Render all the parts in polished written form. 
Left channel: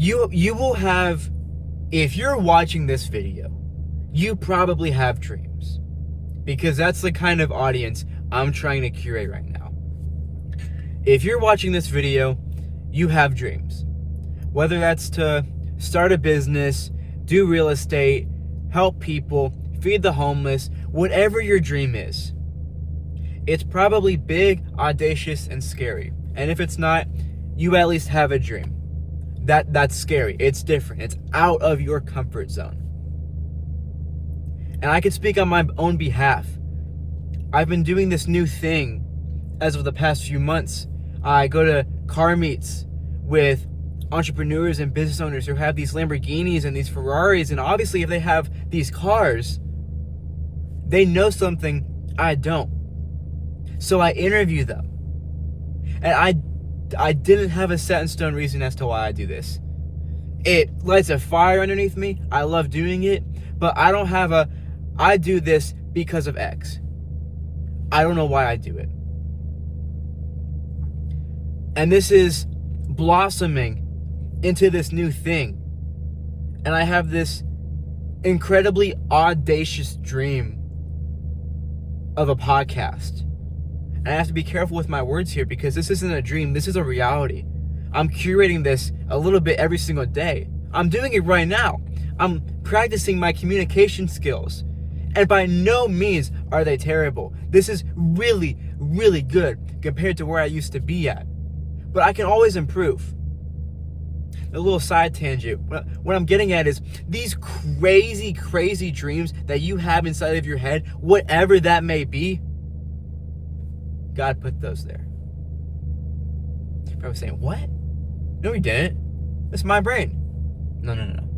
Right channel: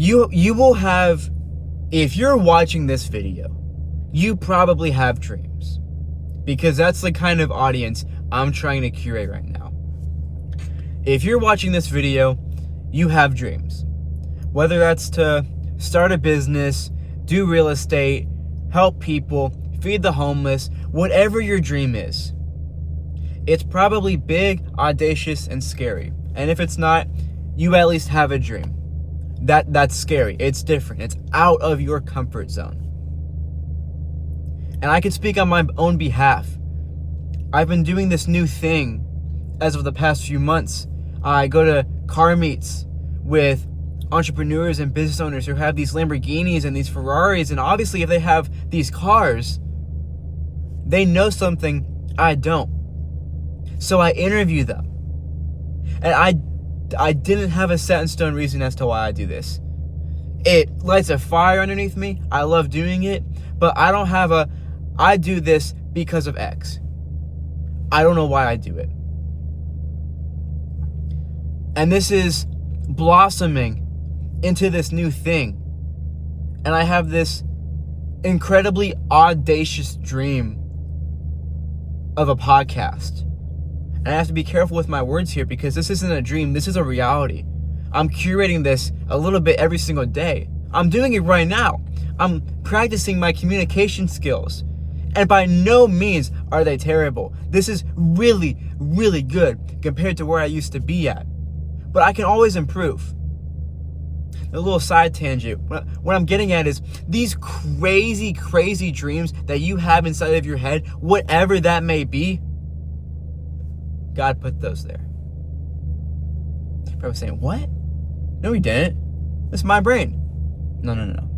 you will have, if you're watching this video, you probably have dreams, because that's the kind of audience I'm trying to curate right now. If you're watching this video, you have dreams. Whether that's to start a business, do real estate, help people, feed the homeless, whatever your dream is. It's probably big, audacious, and scary. And if it's not, you at least have a dream. That's scary. It's different. It's out of your comfort zone. And I can speak on my own behalf. I've been doing this new thing as of the past few months. I go to car meets with entrepreneurs and business owners who have these Lamborghinis and these Ferraris, and obviously if they have these cars, they know something I don't. So I interview them. And I didn't have a set in stone reason as to why I do this. It lights a fire underneath me. I love doing it, but I do this because of X. I don't know why I do it. And this is blossoming into this new thing. And I have this incredibly audacious dream of a podcast. And I have to be careful with my words here, because this isn't a dream, this is a reality. I'm curating this a little bit every single day. I'm doing it right now. I'm practicing my communication skills. And by no means are they terrible. This is really, really good compared to where I used to be at. But I can always improve. A little side tangent. What I'm getting at is these crazy, crazy dreams that you have inside of your head, whatever that may be, God put those there. You're probably saying, what? No, he didn't. That's my brain. No.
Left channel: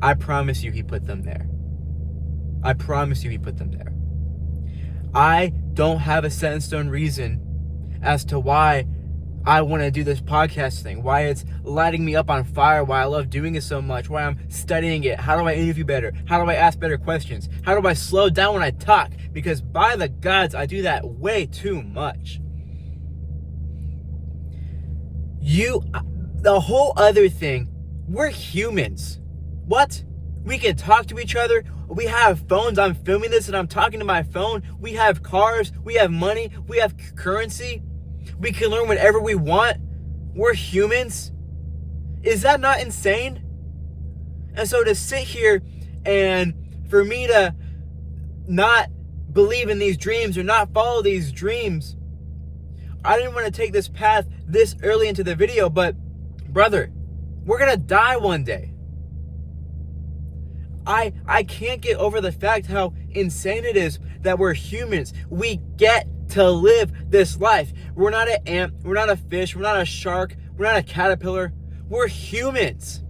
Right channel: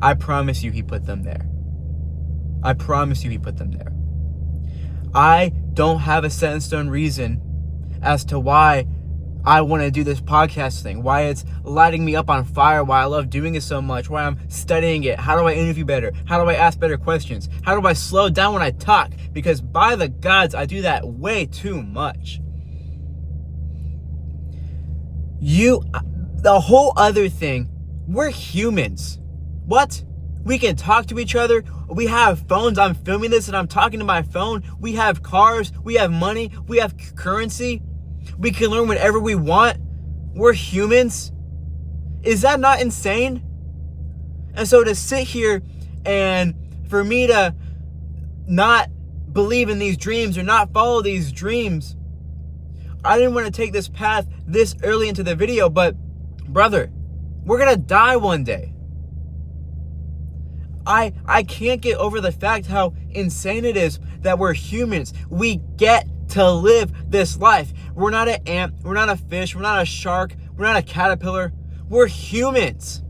I promise you he put them there. I promise you he put them there. I don't have a set in stone reason as to why I want to do this podcast thing, why it's lighting me up on fire, why I love doing it so much, why I'm studying it. How do I interview better? How do I ask better questions? How do I slow down when I talk? Because by the gods, I do that way too much. The whole other thing, we're humans. What? We can talk to each other. We have phones. I'm filming this and I'm talking to my phone. We have cars. We have money. We have currency. We can learn whatever we want. We're humans. Is that not insane? And so to sit here and for me to not believe in these dreams or not follow these dreams, I didn't want to take this path this early into the video, but brother, we're going to die one day. I can't get over the fact how insane it is that we're humans. We get to live this life. We're not an ant. We're not a fish. We're not a shark. We're not a caterpillar. We're humans.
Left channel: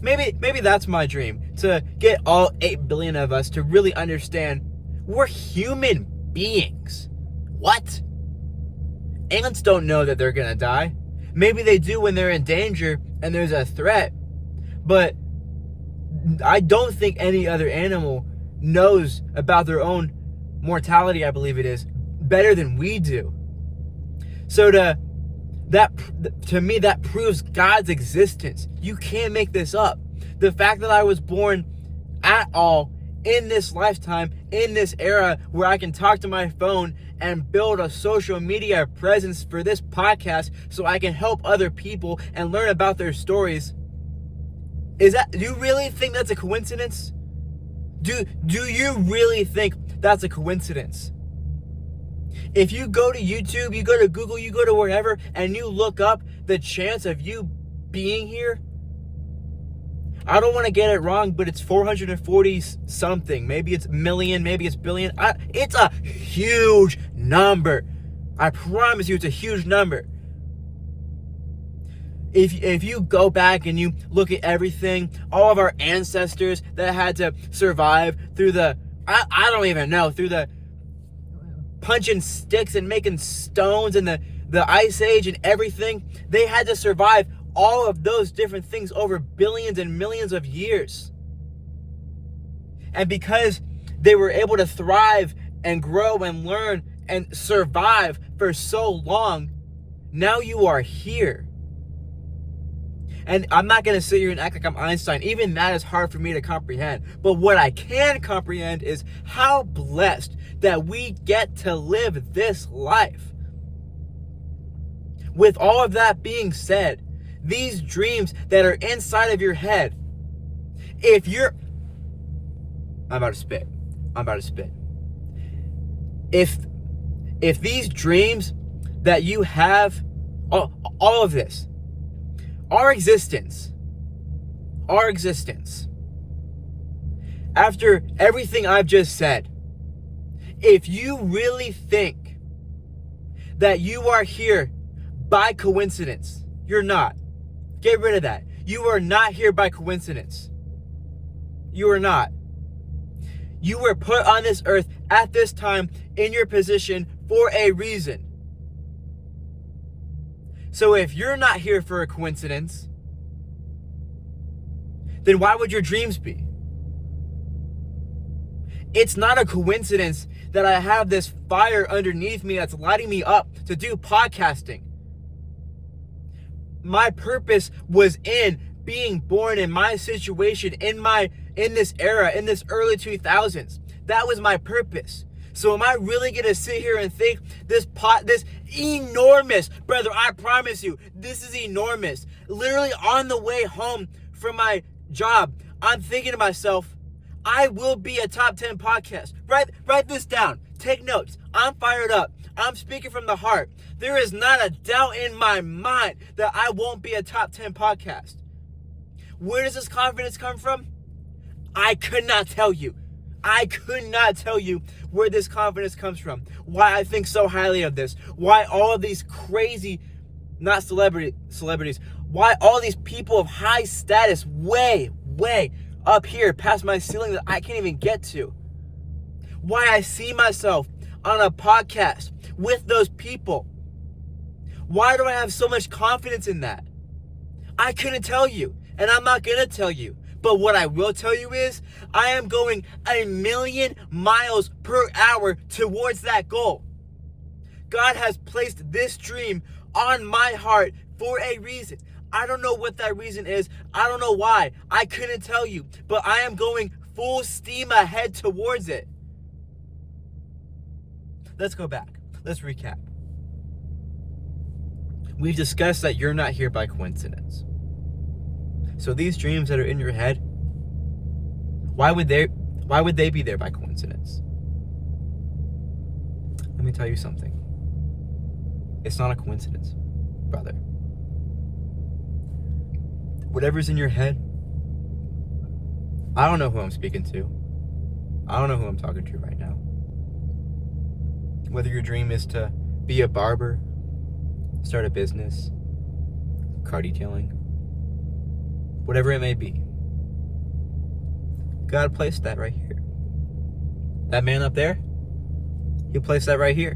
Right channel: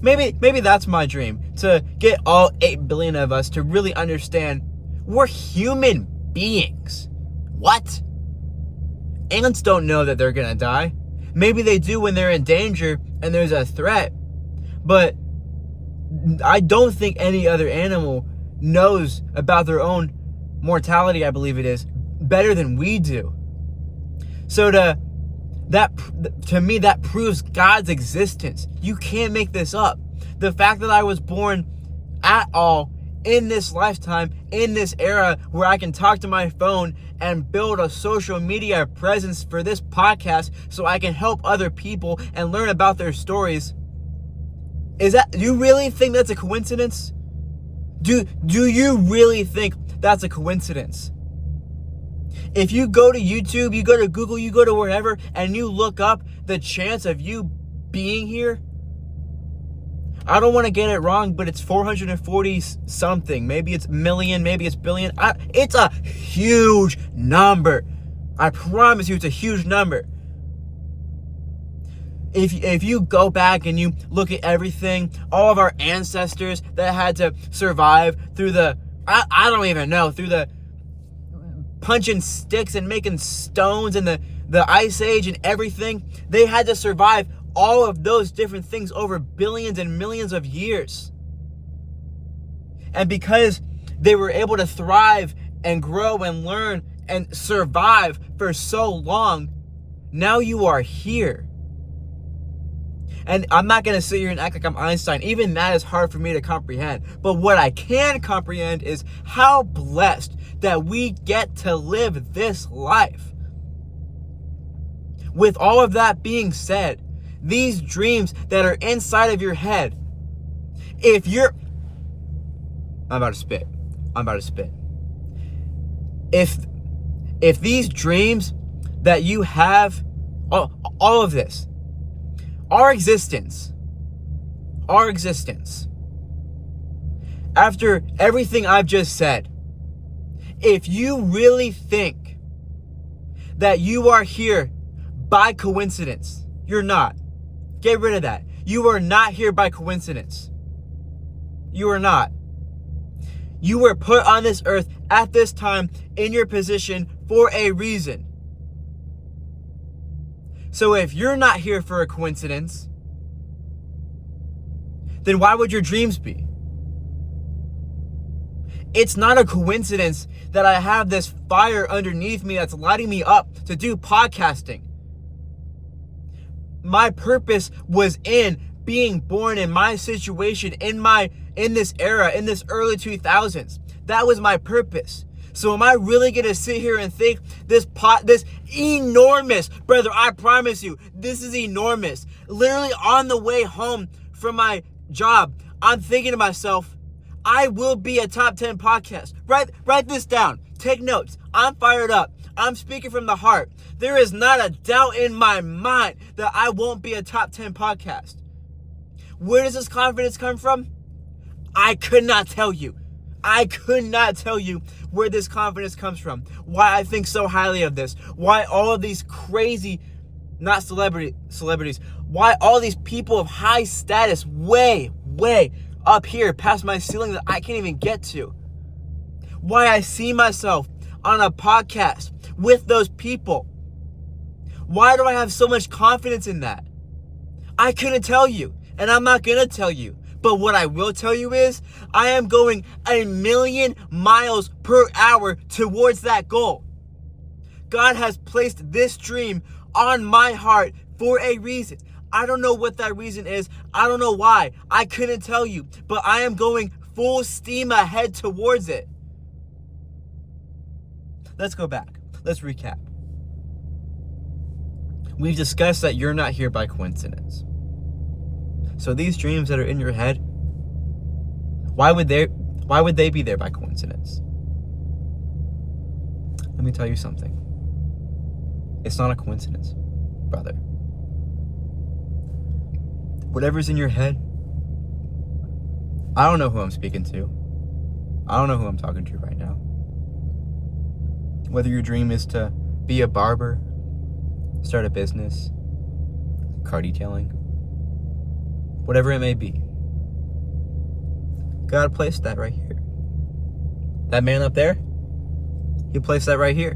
Maybe that's my dream, to get all 8 billion of us to really understand we're human beings. What? Ants don't know that they're gonna die. Maybe they do when they're in danger and there's a threat, but I don't think any other animal knows about their own mortality, I believe it is, better than we do. So to me, that proves God's existence. You can't make this up. The fact that I was born at all in this lifetime, in this era where I can talk to my phone and build a social media presence for this podcast so I can help other people and learn about their stories. Do you really think that's a coincidence? Do you really think that's a coincidence? If you go to YouTube, you go to Google, you go to wherever, and you look up the chance of you being here, I don't want to get it wrong, but it's 440 something. Maybe it's million, maybe it's billion. It's a huge number. I promise you, it's a huge number. If you go back and you look at everything, all of our ancestors that had to survive through the, I don't even know, through the punching sticks and making stones and the ice age and everything, they had to survive all of those different things over billions and millions of years. And because they were able to thrive and grow and learn and survive for so long, now you are here. And I'm not going to sit here and act like I'm Einstein. Even that is hard for me to comprehend. But what I can comprehend is how blessed that we get to live this life. With all of that being said, these dreams that are inside of your head, I'm about to spit. If these dreams that you have, all of this, our existence, after everything I've just said, if you really think that you are here by coincidence, you're not. Get rid of that. You are not here by coincidence. You are not. You were put on this earth at this time in your position for a reason. So if you're not here for a coincidence, then why would your dreams be? It's not a coincidence that I have this fire underneath me that's lighting me up to do podcasting. My purpose was in being born in my situation, in this era, in this early 2000s. That was my purpose. So am I really going to sit here and think this enormous, brother, I promise you, this is enormous. Literally on the way home from my job, I'm thinking to myself, I will be a top 10 podcast. Write this down. Take notes. I'm fired up. I'm speaking from the heart. There is not a doubt in my mind that I won't be a top 10 podcast. Where does this confidence come from? I could not tell you where this confidence comes from. Why I think so highly of this. Why all of these crazy, not celebrities, why all these people of high status way up here past my ceiling that I can't even get to. Why I see myself on a podcast with those people. Why do I have so much confidence in that? I couldn't tell you, and I'm not gonna tell you. But what I will tell you is, I am going 1,000,000 miles per hour towards that goal. God has placed this dream on my heart for a reason. I don't know what that reason is. I don't know why. I couldn't tell you. But I am going full steam ahead towards it. Let's go back. Let's recap. We've discussed that you're not here by coincidence. So these dreams that are in your head, why would they be there by coincidence? Let me tell you something. It's not a coincidence, brother. Whatever's in your head, I don't know who I'm speaking to. I don't know who I'm talking to right now. Whether your dream is to be a barber, start a business, car detailing, whatever it may be, God placed that right here. That man up there, he placed that right here.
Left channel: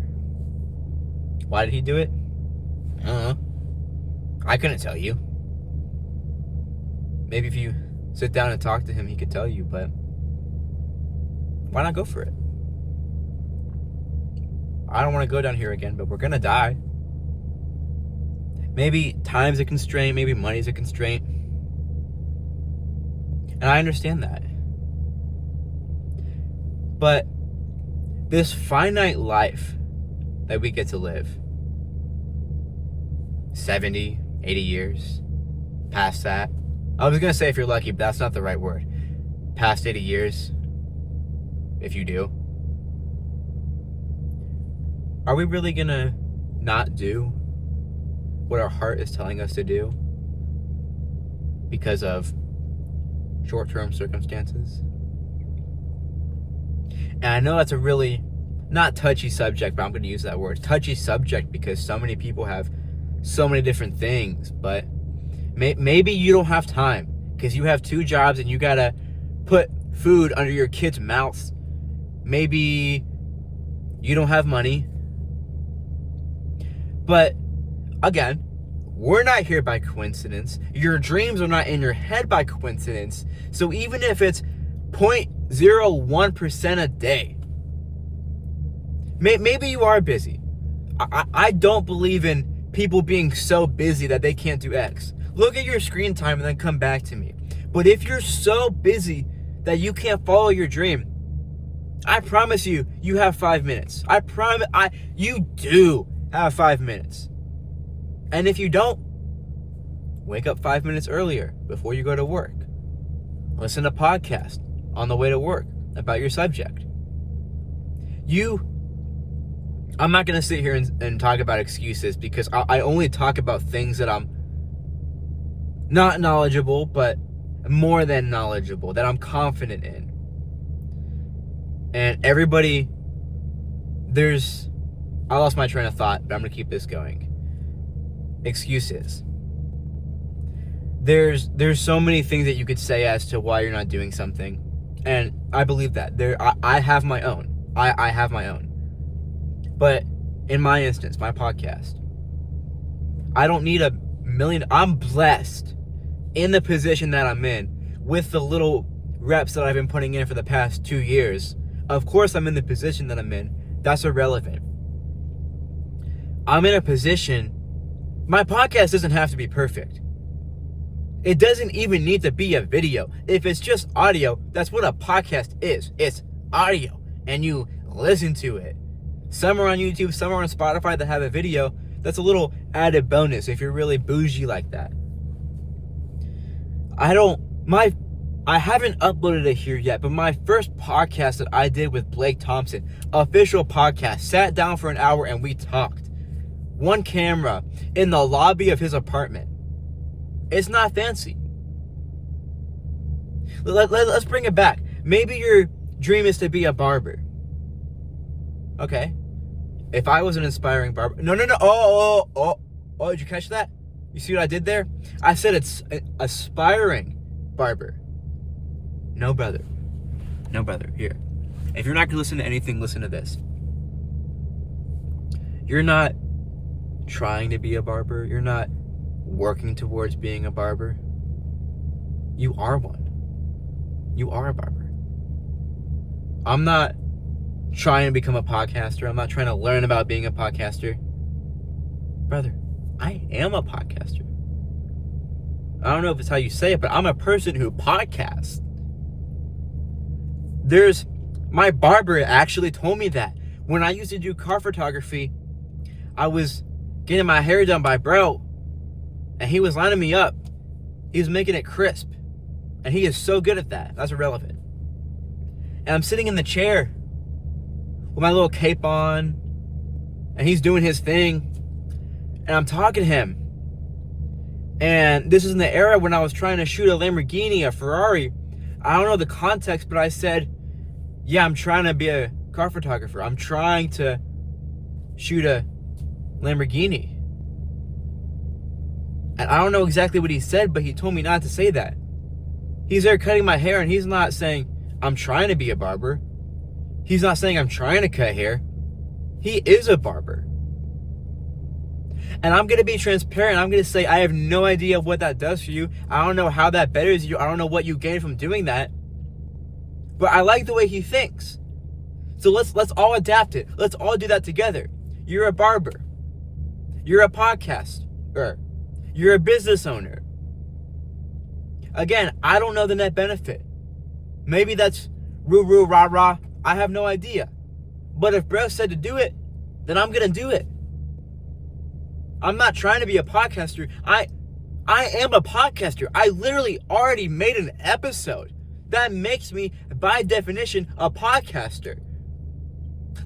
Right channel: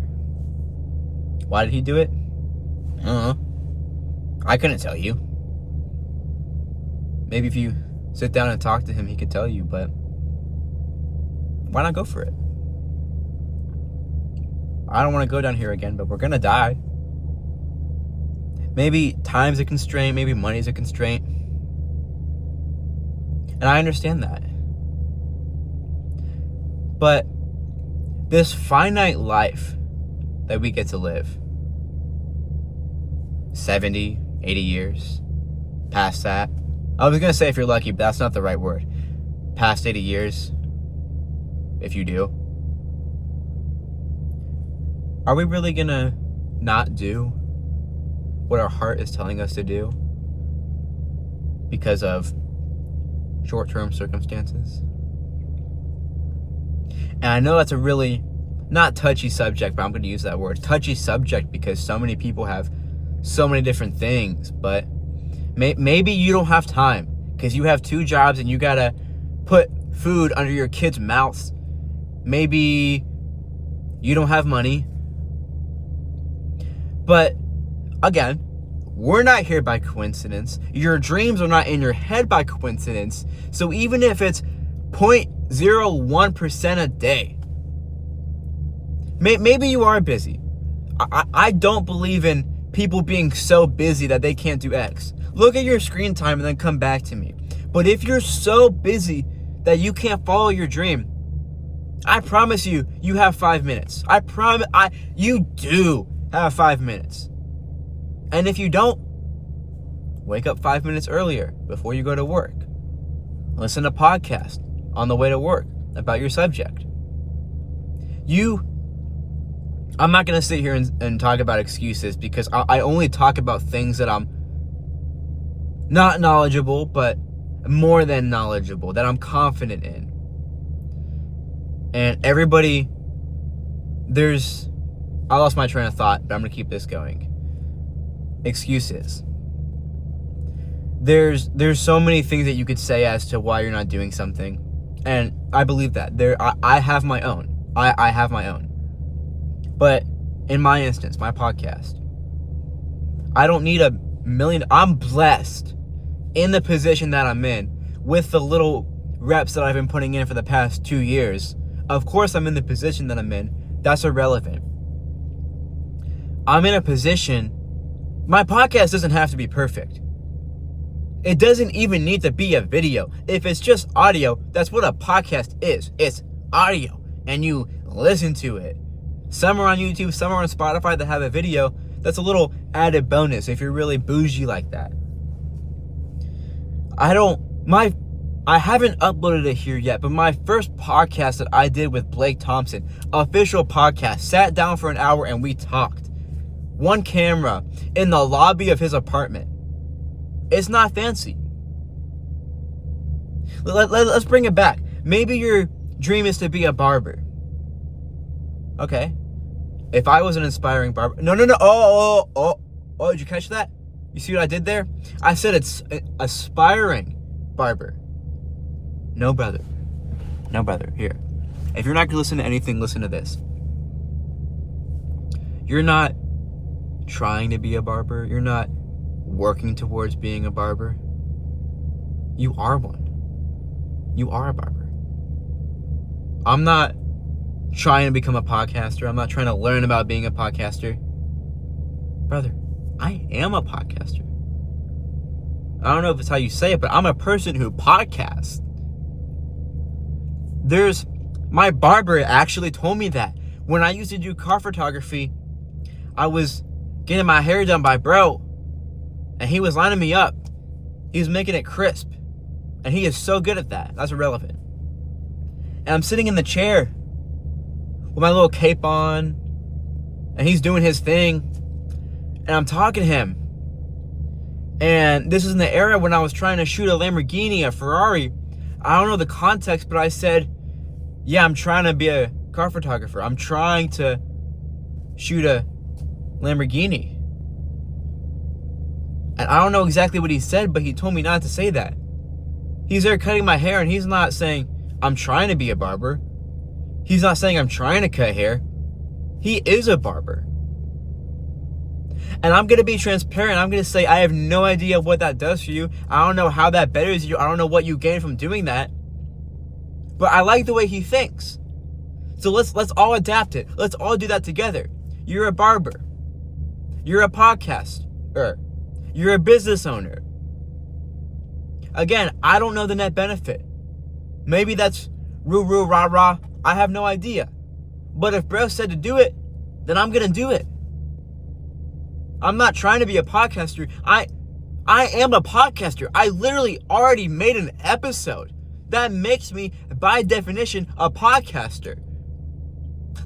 Why did he do it? I don't know. I couldn't tell you. Maybe if you sit down and talk to him, he could tell you, but why not go for it? I don't want to go down here again, but we're going to die. Maybe time's a constraint, maybe money's a constraint. And I understand that. But this finite life that we get to live, 70, 80 years, past that. I was going to say if you're lucky, but that's not the right word. Past 80 years, if you do. Are we really going to not do what our heart is telling us to do because of short-term circumstances? And I know that's a really not touchy subject, but I'm going to use that word. Touchy subject because so many people have so many different things, but maybe you don't have time because you have 2 jobs and you got to put food under your kids' mouths. Maybe you don't have money. But again, we're not here by coincidence. Your dreams are not in your head by coincidence. So even if it's 0.01% a day, maybe you are busy. I don't believe in people being so busy that they can't do X. Look at your screen time and then come back to me. But if you're so busy that you can't follow your dream, I promise you, you have 5 minutes. You do have 5 minutes. And if you don't, wake up 5 minutes earlier before you go to work. Listen to podcasts on the way to work about your subject. I'm not going to sit here and talk about excuses, because I only talk about things that I'm not knowledgeable, but more than knowledgeable, that I'm confident in. And everybody, I lost my train of thought, but I'm going to keep this going. Excuses. There's so many things that you could say as to why you're not doing something. And I believe that. I have my own. I have my own. But in my instance, my podcast, I don't need a million. I'm blessed in the position that I'm in with the little reps that I've been putting in for the past 2 years. Of course, I'm in the position that I'm in. That's irrelevant. I'm in a position. My podcast doesn't have to be perfect. It doesn't even need to be a video. If it's just audio, that's what a podcast is. It's audio, and you listen to it. Some are on YouTube, some are on Spotify that have a video. That's a little added bonus if you're really bougie like that. I haven't uploaded it here yet, but my first podcast that I did with Blake Thompson, official podcast, sat down for an hour and we talked. One camera in the lobby of his apartment. It's not fancy. Let's bring it back. Maybe your dream is to be a barber. Okay. If I was an inspiring barber... No. Oh, did you catch that? You see what I did there? I said it's an aspiring barber. No, brother. Here. If you're not going to listen to anything, listen to this. You're not trying to be a barber. You're not working towards being a barber. You are one. You are a barber. I'm not trying to become a podcaster. I'm not trying to learn about being a podcaster. Brother, I am a podcaster. I don't know if it's how you say it, but I'm a person who podcasts. My barber actually told me that. When I used to do car photography, I was getting my hair done by bro, and he was lining me up. He was making it crisp. And he is so good at that. That's irrelevant. And I'm sitting in the chair with my little cape on, and he's doing his thing, and I'm talking to him. And this is in the era when I was trying to shoot a Lamborghini, a Ferrari. I don't know the context, but I said, yeah, I'm trying to be a car photographer. I'm trying to shoot a Lamborghini. And I don't know exactly what he said, but he told me not to say that. He's there cutting my hair, and he's not saying, I'm trying to be a barber. He's not saying I'm trying to cut hair. He is a barber. And I'm going to be transparent. I'm going to say I have no idea what that does for you. I don't know how that betters you. I don't know what you gain from doing that. But I like the way he thinks. So let's all adapt it. Let's all do that together. You're a barber. You're a podcaster. You're a business owner. Again, I don't know the net benefit. Maybe that's roo rah rah. I have no idea. But if bro said to do it, then I'm going to do it. I'm not trying to be a podcaster. I am a podcaster. I literally already made an episode. That makes me, by definition, a podcaster.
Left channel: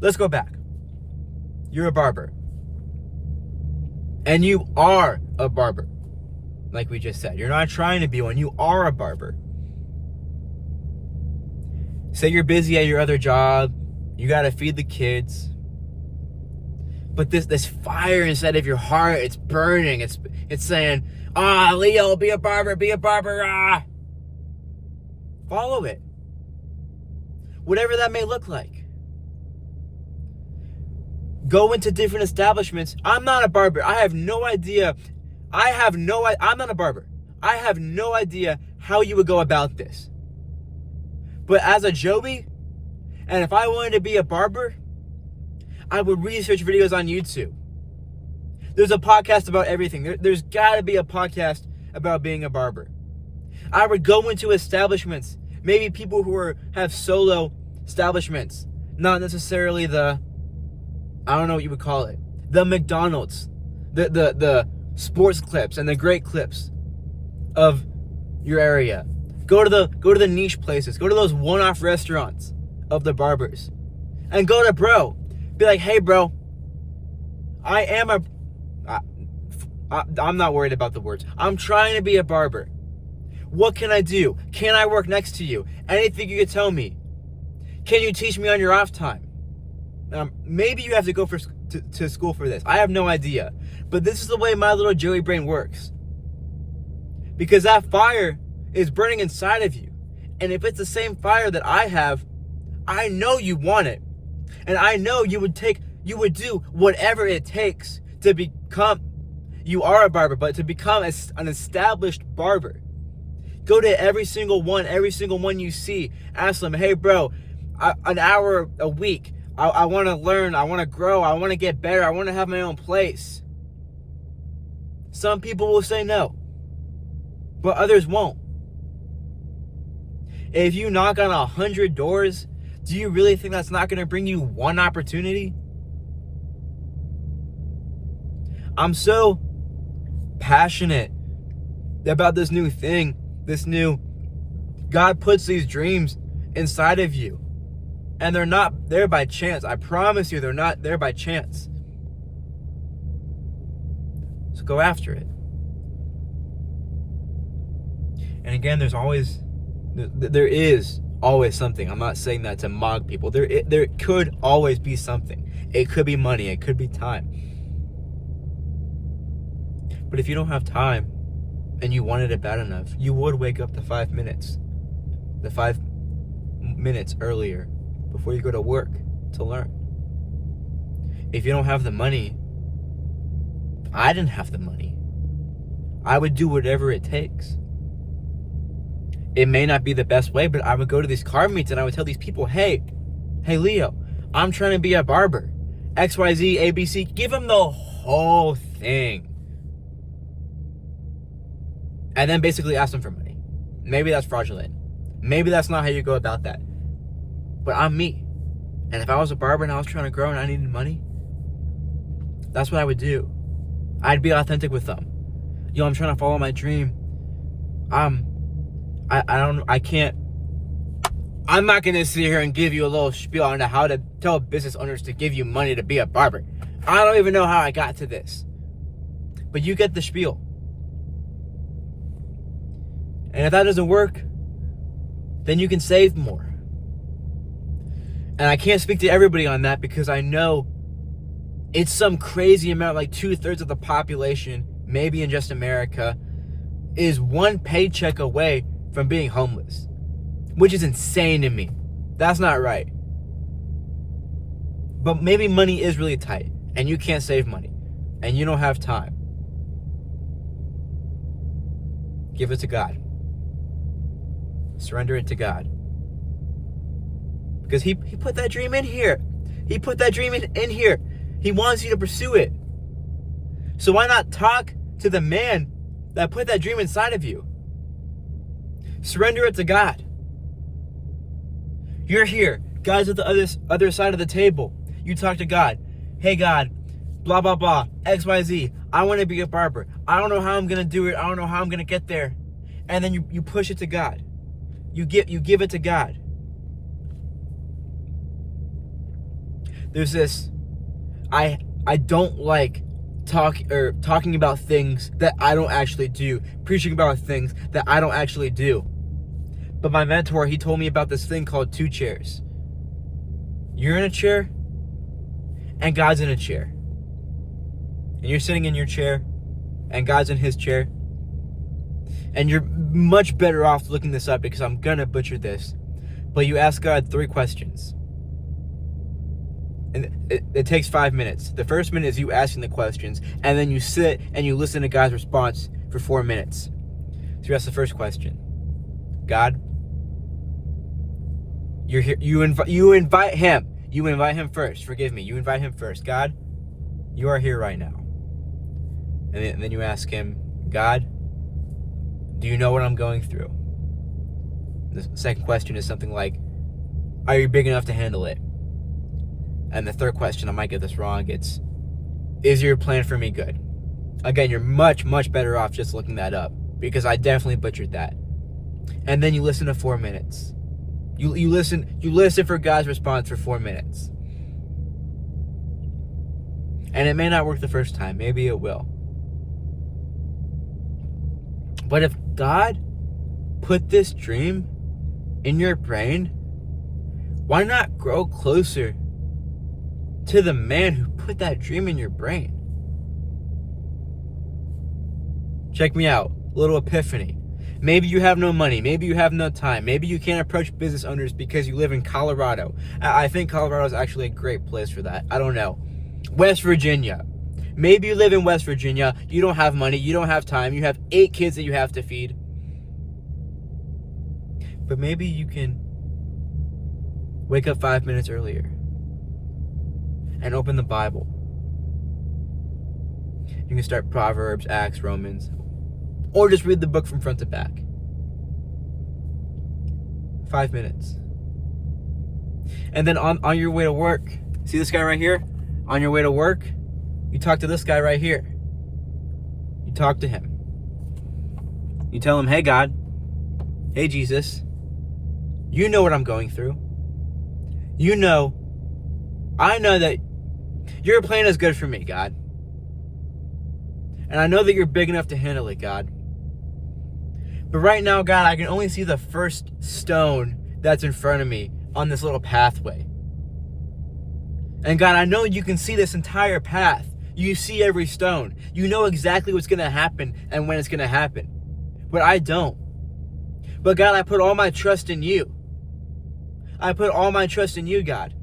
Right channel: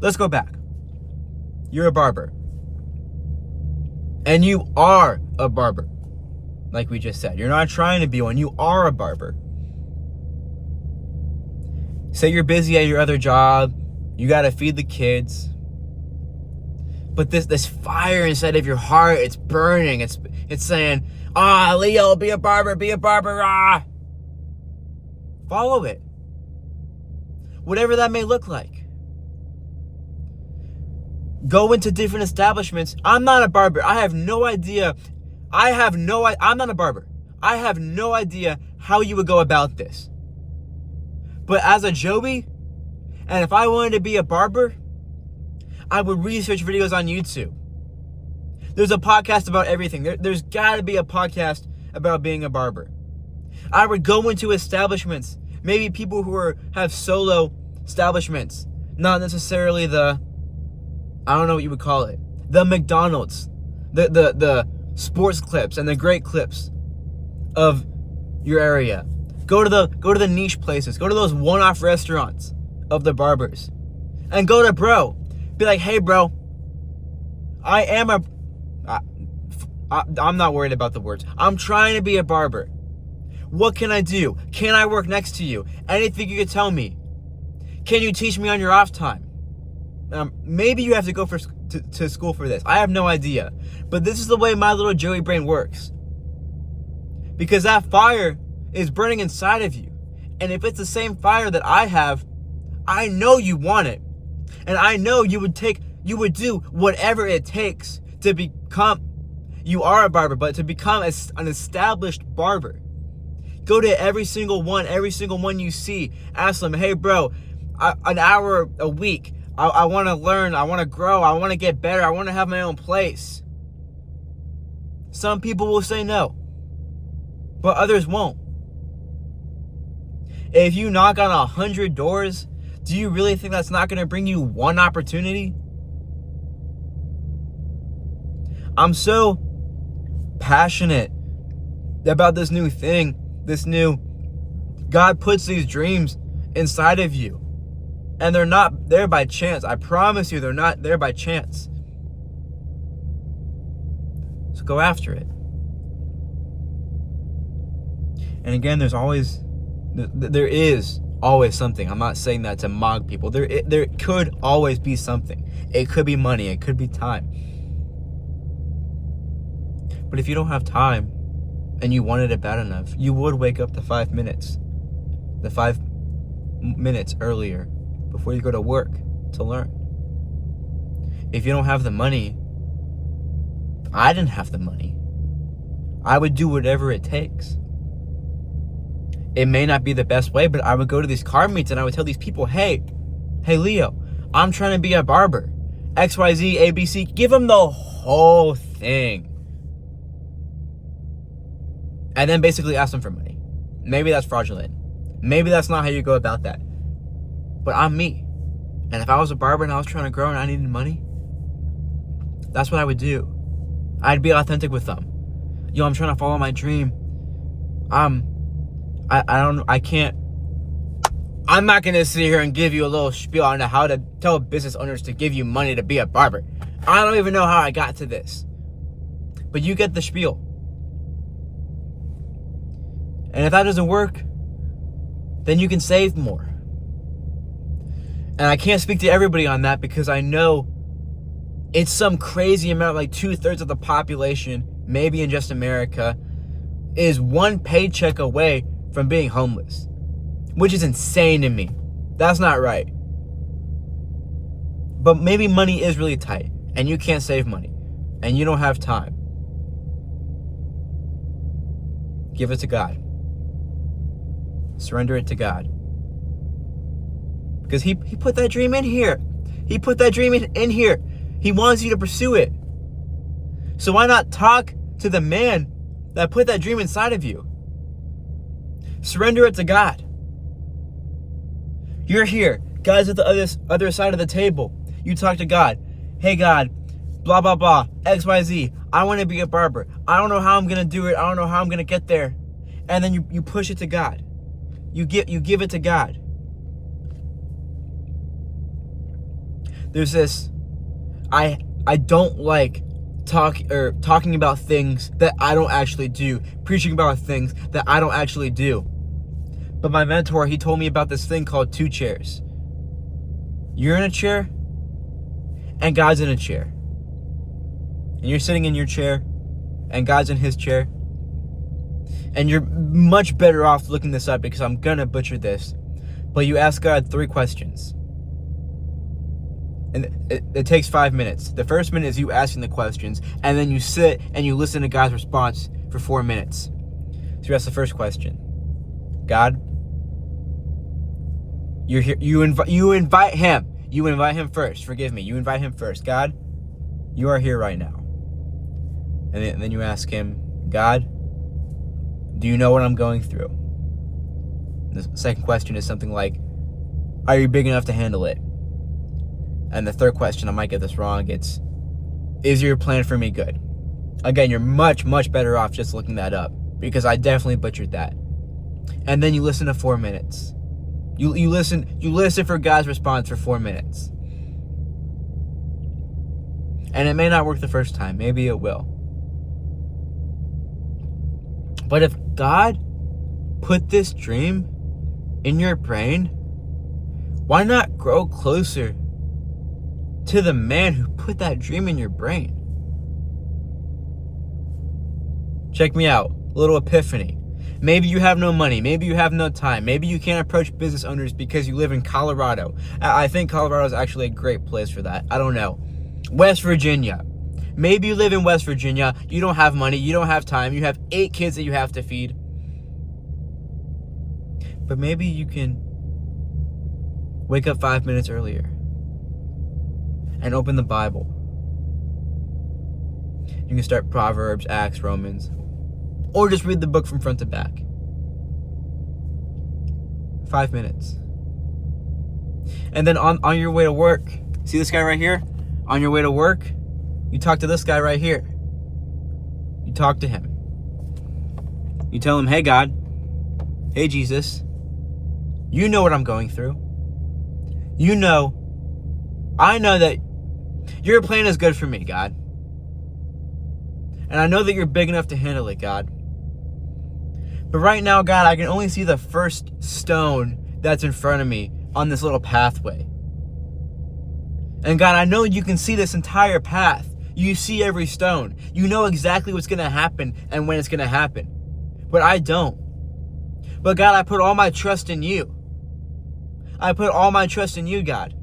Let's go back. You're a barber. And you are a barber. Like we just said. You're not trying to be one. You are a barber. Say you're busy at your other job. You got to feed the kids. But this fire inside of your heart, it's burning. It's saying, Leo, be a barber, ah. Follow it. Whatever that may look like. Go into different establishments. I'm not a barber. I have no idea. I'm not a barber. I have no idea how you would go about this. But as a Joey, and if I wanted to be a barber, I would research videos on YouTube. There's a podcast about everything. There's got to be a podcast about being a barber. I would go into establishments, maybe people who have solo establishments, not necessarily I don't know what you would call it, the McDonald's, the sports clips and the great clips of your area. Go to the niche places. Go to those one-off restaurants of the barbers, and go to bro. Be like, hey, bro, I'm not worried about the words. I'm trying to be a barber. What can I do? Can I work next to you? Anything you could tell me. Can you teach me on your off time? Maybe you have to go to school for this. I have no idea. But this is the way my little Joey brain works. Because that fire is burning inside of you. And if it's the same fire that I have, I know you want it. And I know you would do whatever it takes to become, you are a barber, but to become an established barber. Go to every single one you see. Ask them, hey, bro, an hour a week. I want to learn. I want to grow. I want to get better. I want to have my own place. Some people will say no, but others won't. If you knock on 100 doors, do you really think that's not going to bring you one opportunity? I'm so passionate about this new thing. God puts these dreams inside of you. And they're not there by chance. I promise you, they're not there by chance. So go after it. And again, there is always something. I'm not saying that to mock people. There could always be something. It could be money. It could be time. But if you don't have time and you wanted it bad enough, you would wake up the 5 minutes earlier before you go to work to learn. If you don't have the money, I didn't have the money. I would do whatever it takes. It may not be the best way, but I would go to these car meets and I would tell these people, hey Leo, I'm trying to be a barber. XYZ, ABC, give them the whole thing. And then basically ask them for money. Maybe that's fraudulent. Maybe that's not how you go about that. But I'm me. And if I was a barber and I was trying to grow and I needed money, that's what I would do. I'd be authentic with them. Yo, I'm trying to follow my dream. I'm not going to sit here and give you a little spiel on how to tell business owners to give you money to be a barber. I don't even know how I got to this. But you get the spiel. And if that doesn't work, then you can save more. And I can't speak to everybody on that because I know it's some crazy amount, like 2/3 of the population, maybe in just America, is one paycheck away from being homeless, which is insane to me. That's not right. But maybe money is really tight and you can't save money and you don't have time. Give it to God. Surrender it to God. Because he put that dream in here. He put that dream in here. He wants you to pursue it. So why not talk to the man that put that dream inside of you? Surrender it to God. You're here. God's at the other side of the table. You talk to God. Hey, God, blah, blah, blah, XYZ. I want to be a barber. I don't know how I'm going to do it. I don't know how I'm going to get there. And then you push it to God. You give it to God. There's this, I don't like talking about things that I don't actually do, preaching about things that I don't actually do. But my mentor, he told me about this thing called 2 chairs. You're in a chair, and God's in a chair. And you're sitting in your chair, and God's in his chair. And you're much better off looking this up because I'm gonna butcher this. But you ask God 3 questions. And it takes 5 minutes. The first minute is you asking the questions, and then you sit and you listen to God's response for 4 minutes. So you ask the first question. God, you're here. You invite him. You invite him first. Forgive me. You invite him first. God, you are here right now. And then you ask him, God, do you know what I'm going through? The second question is something like, are you big enough to handle it? And the third question, I might get this wrong, it's, is your plan for me good? Again, you're much, much better off just looking that up, because I definitely butchered that. And then you listen to 4 minutes. You listen for God's response for 4 minutes. And it may not work the first time. Maybe it will. But if God put this dream in your brain, why not grow closer to the man who put that dream in your brain? Check me out. Little epiphany. Maybe you have no money. Maybe you have no time. Maybe you can't approach business owners because you live in Colorado. I think Colorado is actually a great place for that. I don't know. West Virginia. Maybe you live in West Virginia. You don't have money. You don't have time. You have 8 kids that you have to feed. But maybe you can wake up 5 minutes earlier and open the Bible. You can start Proverbs, Acts, Romans, or just read the book from front to back. 5 minutes. And then on your way to work, see this guy right here? On your way to work, you talk to this guy right here. You talk to him. You tell him, hey God, hey Jesus, you know what I'm going through. I know that your plan is good for me, God. And I know that you're big enough to handle it, God. But right now, God, I can only see the first stone that's in front of me on this little pathway. And God, I know you can see this entire path. You see every stone. You know exactly what's going to happen and when it's going to happen. But I don't. But God, I put all my trust in you. I put all my trust in you, God.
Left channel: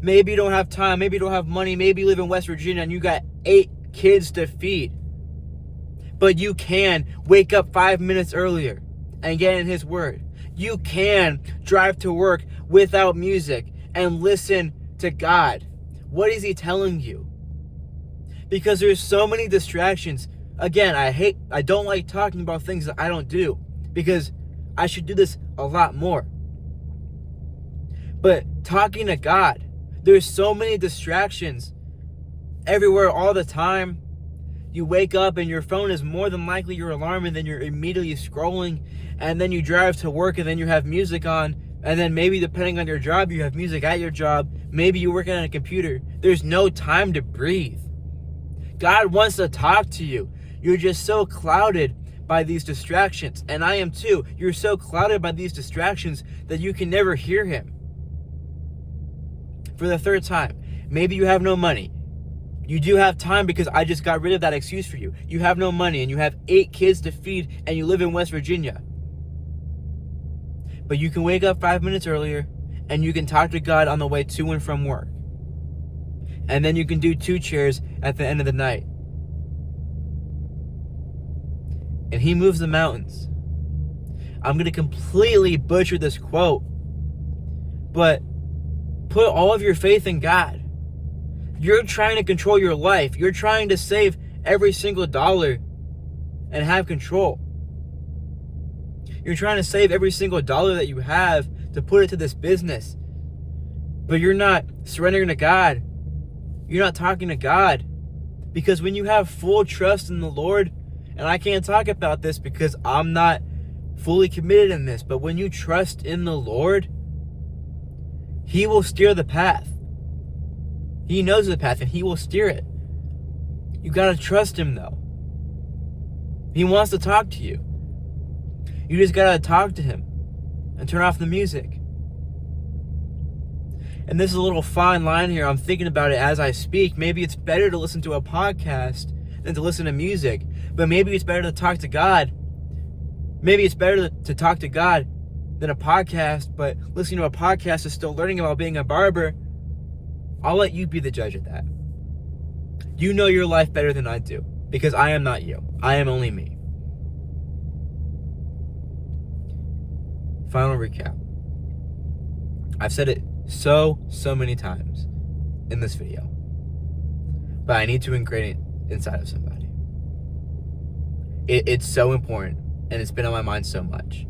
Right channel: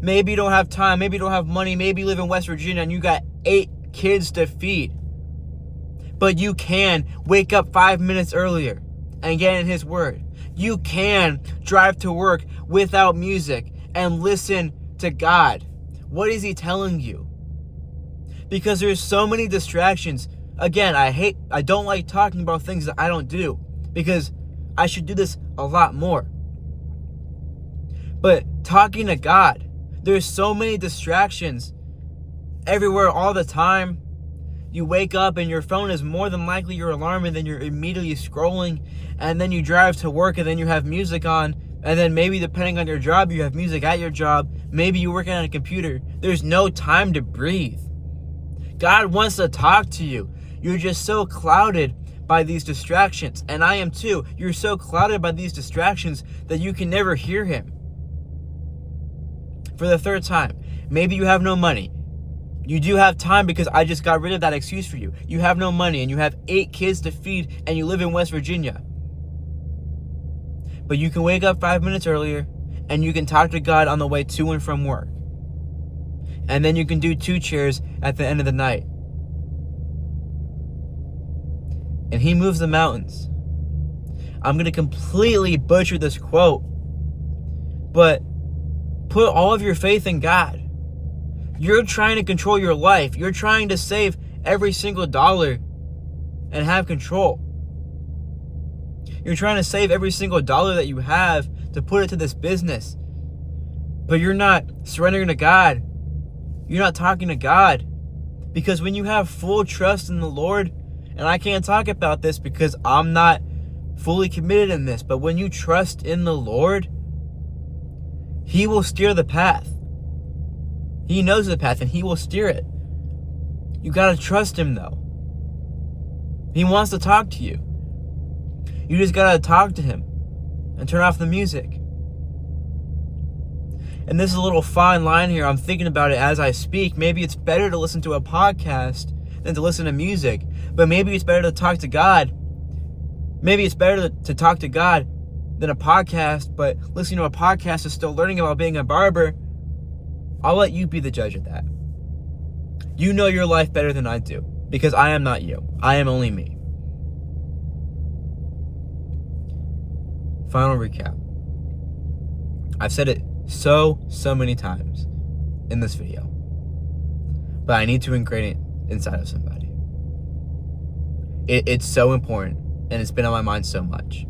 Maybe you don't have time. Maybe you don't have money. Maybe you live in West Virginia and you got 8 kids to feed. But you can wake up 5 minutes earlier and get in his word. You can drive to work without music and listen to God. What is he telling you? Because there's so many distractions. Again, I don't like talking about things that I don't do, because I should do this a lot more. But talking to God, there's so many distractions everywhere all the time. You wake up and your phone is more than likely your alarm, and then you're immediately scrolling, and then you drive to work and then you have music on, and then maybe depending on your job, you have music at your job. Maybe you're working on a computer. There's no time to breathe. God wants to talk to you. You're just so clouded by these distractions, and I am too. You're so clouded by these distractions that you can never hear him. For the third time, maybe you have no money. You do have time, because I just got rid of that excuse for you. You have no money and you have 8 kids to feed and you live in West Virginia. But you can wake up 5 minutes earlier and you can talk to God on the way to and from work. And then you can do 2 chairs at the end of the night. And he moves the mountains. I'm going to completely butcher this quote, but put all of your faith in God. You're trying to control your life. You're trying to save every single dollar and have control. You're trying to save every single dollar that you have to put it to this business. But you're not surrendering to God. You're not talking to God. Because when you have full trust in the Lord, and I can't talk about this because I'm not fully committed in this, but when you trust in the Lord, he will steer the path. He knows the path and he will steer it. You gotta trust him though. He wants to talk to you. You just gotta talk to him and turn off the music. And this is a little fine line here. I'm thinking about it as I speak. Maybe it's better to listen to a podcast than to listen to music. But maybe it's better to talk to God. Maybe it's better to talk to God than a podcast, but listening to a podcast is still learning about being a barber. I'll let you be the judge of that. You know your life better than I do, because I am not you. I am only me. Final recap. I've said it so many times in this video, but I need to ingrain it inside of somebody. It's so important, and it's been on my mind so much.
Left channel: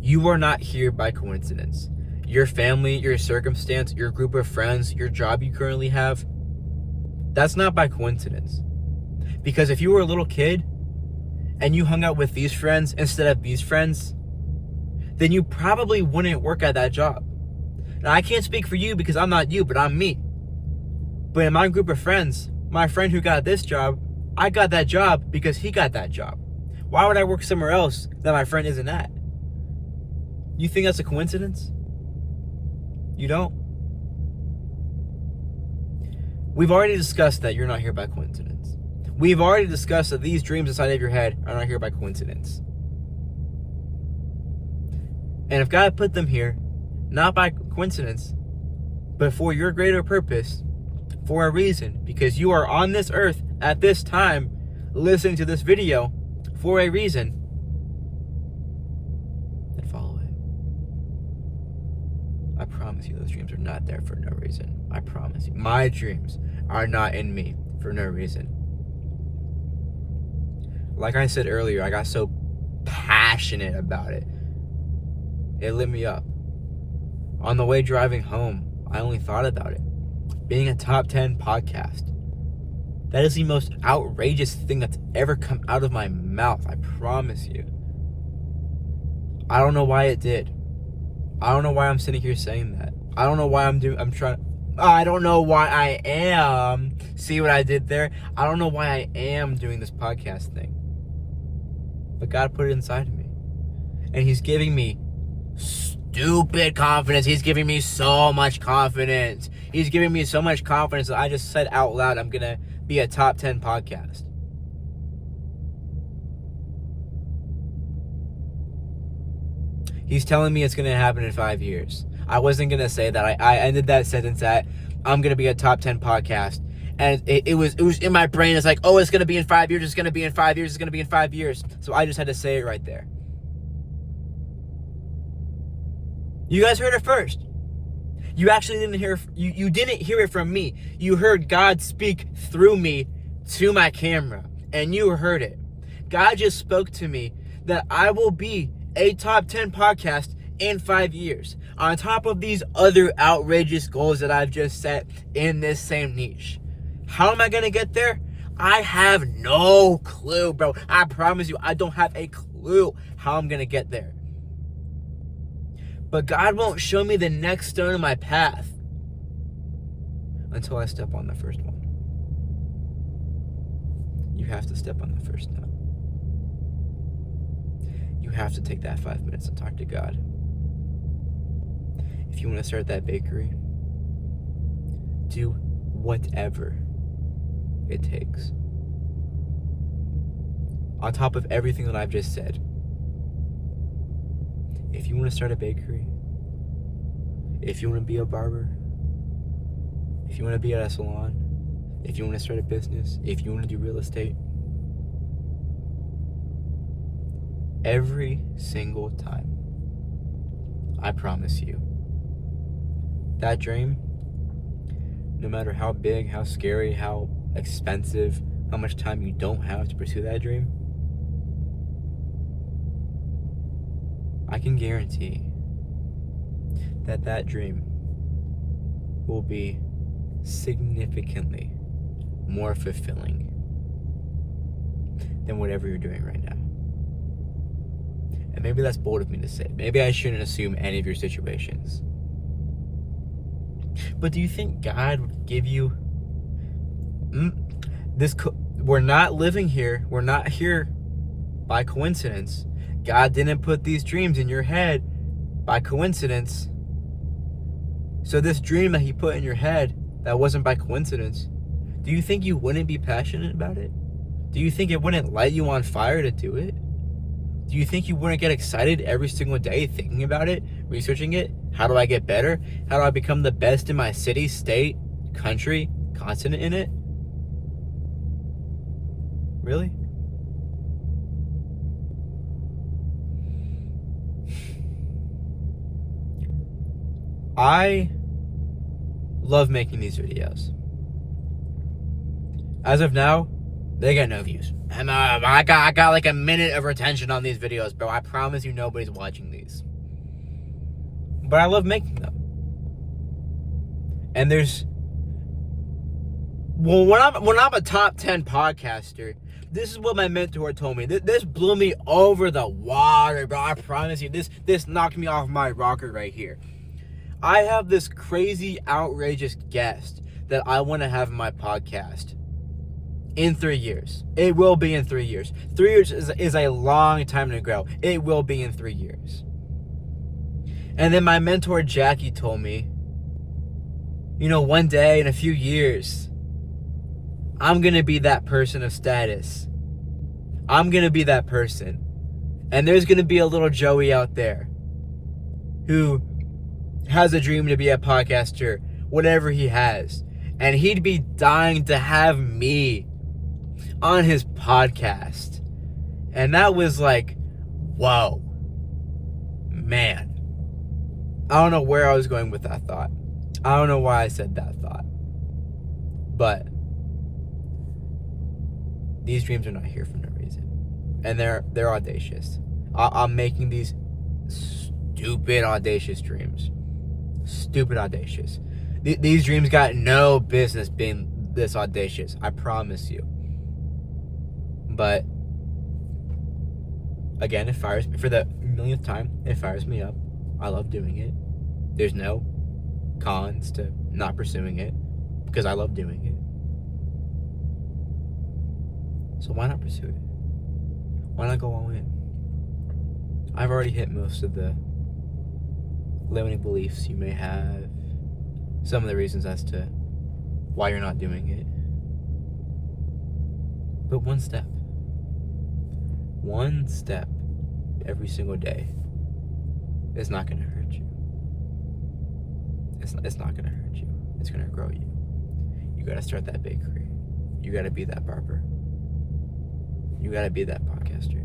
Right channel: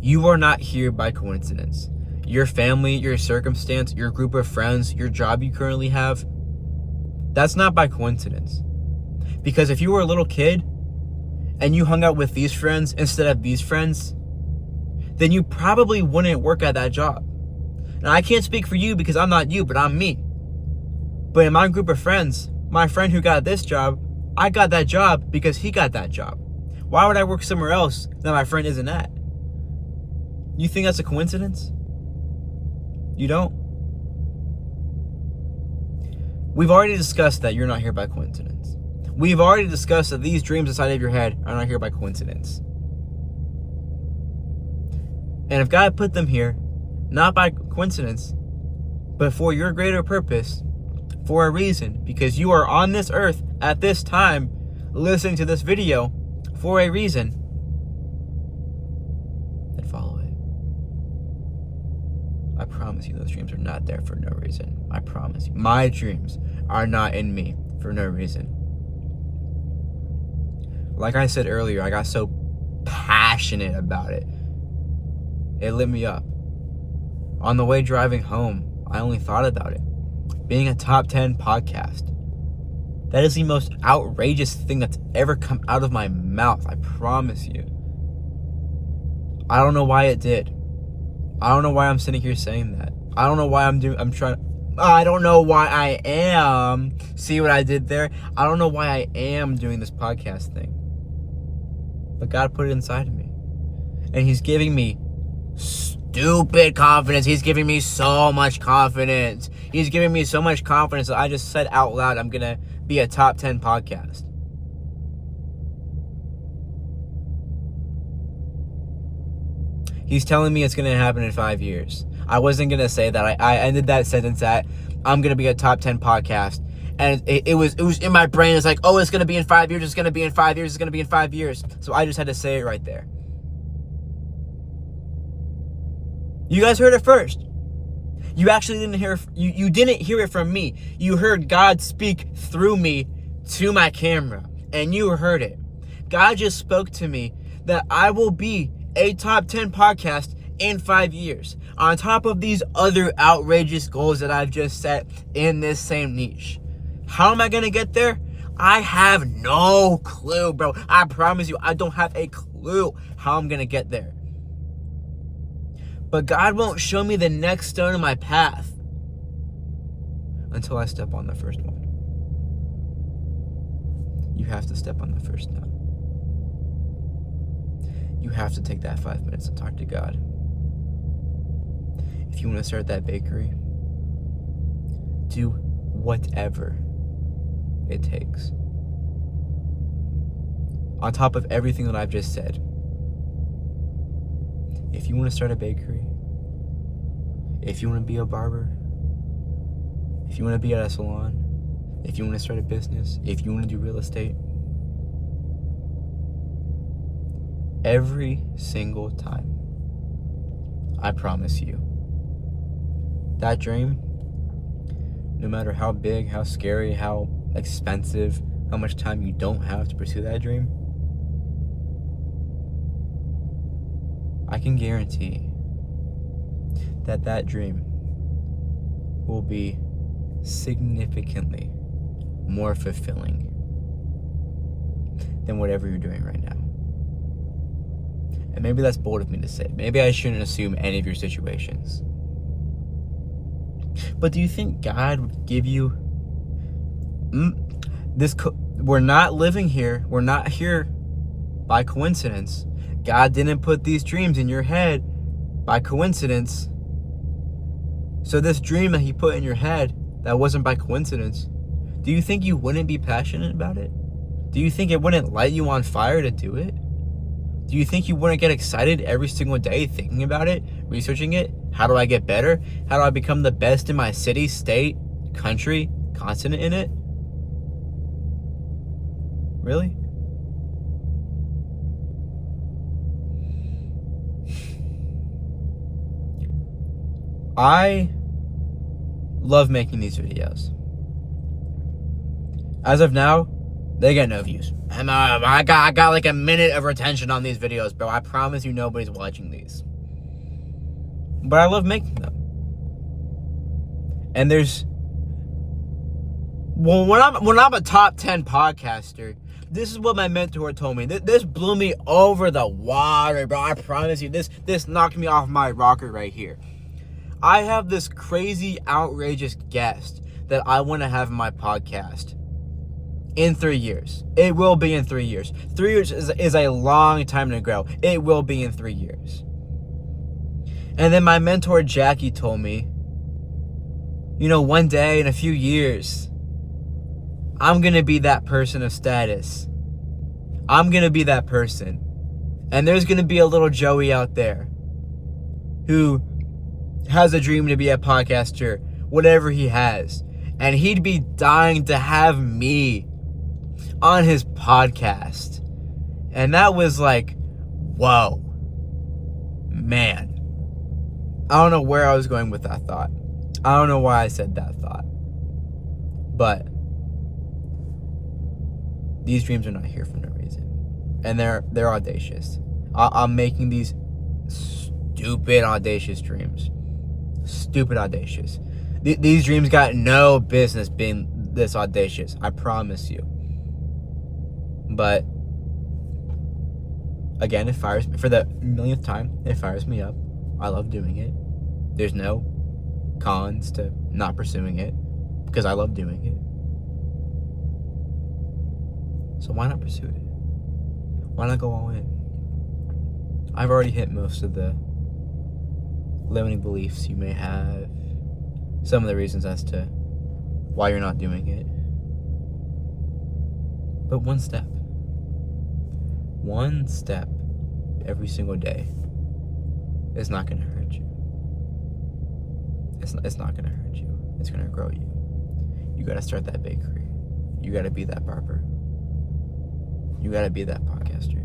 You are not here by coincidence. Your family, your circumstance, your group of friends, your job you currently have, that's not by coincidence. Because if you were a little kid and you hung out with these friends instead of these friends, then you probably wouldn't work at that job. Now, I can't speak for you because I'm not you, but I'm me. But in my group of friends, my friend who got this job, I got that job because he got that job. Why would I work somewhere else that my friend isn't at? You think that's a coincidence? You don't? We've already discussed that you're not here by coincidence. We've already discussed that these dreams inside of your head are not here by coincidence. And if God put them here, not by coincidence, but for your greater purpose, for a reason, because you are on this earth at this time, listening to this video for a reason, then follow it. I promise you those dreams are not there for no reason. I promise you. My dreams are not in me for no reason. Like I said earlier, I got so passionate about it. It lit me up. On the way driving home, I only thought about it. Being a top 10 podcast. That is the most outrageous thing that's ever come out of my mouth. I promise you. I don't know why it did. I don't know why I'm sitting here saying that. I don't know why I don't know why I am. See what I did there? I don't know why I am doing this podcast thing. But God put it inside of me. And He's giving me stupid confidence. He's giving me so much confidence. He's giving me so much confidence that I just said out loud, I'm going to be a top 10 podcast. He's telling me it's going to happen in 5 years. I wasn't going to say that. I ended that sentence at, I'm going to be a top 10 podcast. And it was in my brain. It's like, oh, it's going to be in 5 years. It's going to be in 5 years. It's going to be in 5 years. So I just had to say it right there. You guys heard it first. You actually didn't hear, you didn't hear it from me. You heard God speak through me to my camera. And you heard it. God just spoke to me that I will be a top 10 podcast in 5 years. On top of these other outrageous goals that I've just set in this same niche. How am I going to get there? I have no clue, bro. I promise you, I don't have a clue how I'm going to get there. But God won't show me the next stone in my path until I step on the first one. You have to step on the first stone. You have to take that 5 minutes and talk to God. If you want to start that bakery, do whatever it takes. On top of everything that I've just said, if you want to start a bakery, if you want to be a barber, if you want to be at a salon, if you want to start a business, if you want to do real estate, every single time, I promise you, that dream, no matter how big, how scary, how expensive, how much time you don't have to pursue that dream, I can guarantee that that dream will be significantly more fulfilling than whatever you're doing right now. And maybe that's bold of me to say. Maybe I shouldn't assume any of your situations. But do you think God would give you we're not living here. We're not here by coincidence. God didn't put these dreams in your head by coincidence. So this dream that He put in your head that wasn't by coincidence, do you think you wouldn't be passionate about it? Do you think it wouldn't light you on fire to do it? Do you think you wouldn't get excited every single day thinking about it, researching it? How do I get better? How do I become the best in my city, state, country, continent in it? Really? I love making these videos. As of now, They get no views. I got like a minute of retention on these videos, bro. I promise you nobody's watching these. But I love making them. And there's... Well, when I'm a top 10 podcaster, this is what my mentor told me. This blew me over the water, bro. I promise you. This knocked me off my rocker right here. I have this crazy, outrageous guest that I want to have in my podcast in 3 years. It will be in 3 years. 3 years is a long time to grow. It will be in 3 years. And then my mentor, Jackie, told me, you know, one day in a few years, I'm going to be that person of status. I'm going to be that person. And there's going to be a little Joey out there who has a dream to be a podcaster, whatever he has. And he'd be dying to have me on his podcast. And that was like, whoa. Man. I don't know where I was going with that thought. I don't know why I said that thought. But these dreams are not here for no reason. And they're audacious. I'm making these stupid audacious dreams. Stupid audacious. These dreams got no business being this audacious. I promise you. But again, it fires me. For the millionth time, it fires me up. I love doing it. There's no cons to not pursuing it because I love doing it. So why not pursue it? Why not go all in? I've already hit most of the limiting beliefs you may have. Some of the reasons as to why you're not doing it. But one step every single day is not going to hurt you. It's not going to hurt you. It's going to grow you. You got to start that bakery. You got to be that barber. You got to be that podcaster.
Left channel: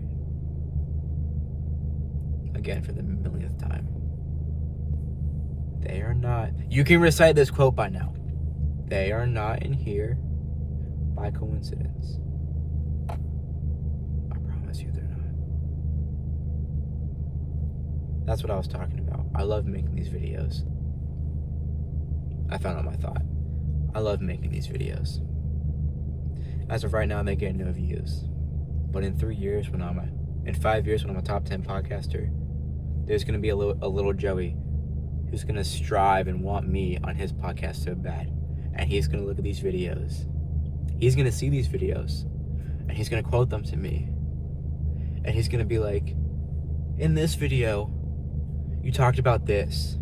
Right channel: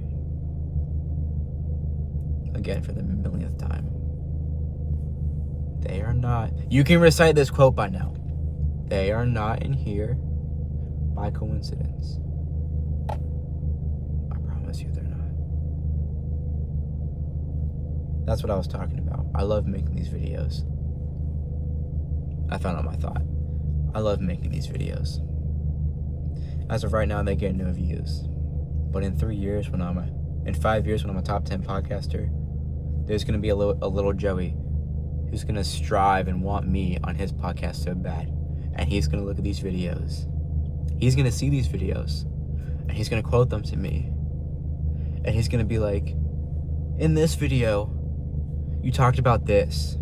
Again, for the millionth time. They are not... You can recite this quote by now. They are not in here by coincidence. I promise you they're not. That's what I was talking about. I love making these videos. I found out my thought. I love making these videos. As of right now, they get no views. But in 5 years, when I'm a top 10 podcaster, there's going to be a little Joey who's going to strive and want me on his podcast so bad. And he's going to look at these videos. He's going to see these videos. And he's going to quote them to me. And he's going to be like, in this video, you talked about this.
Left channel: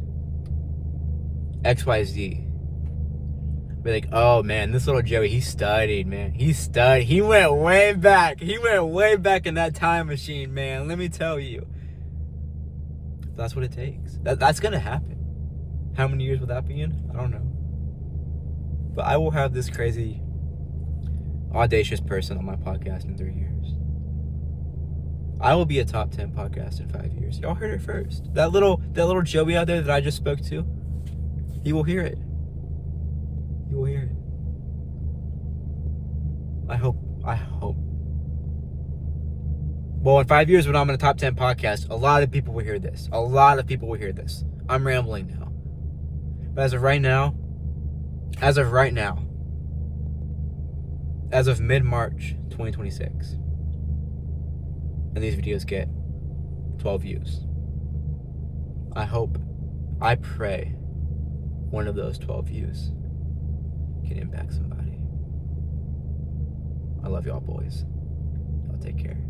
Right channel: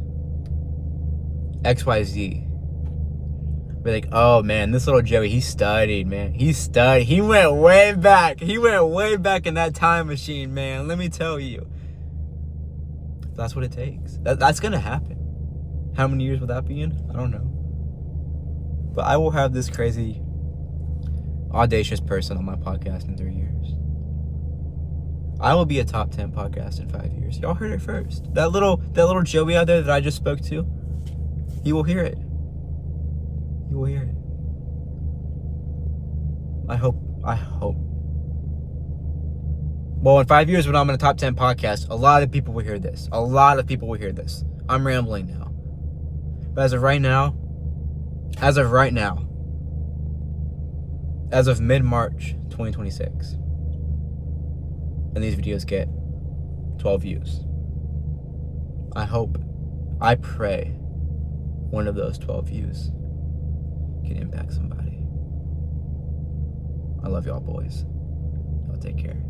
XYZ. Be like, oh man, this little Joey, he studied, man. He studied. He went way back. He went way back in that time machine, man. Let me tell you. That's what it takes. That's going to happen. How many years will that be in? I don't know. But I will have this crazy, audacious person on my podcast in 3 years. I will be a top 10 podcast in 5 years. Y'all heard it first. That little Joey out there that I just spoke to, he will hear it. He will hear it. I hope. Well, in 5 years when I'm in a top 10 podcast, a lot of people will hear this. A lot of people will hear this. I'm rambling now. But as of mid-March 2026, and these videos get 12 views, I pray one of those 12 views can impact somebody. I love y'all boys. Y'all take care.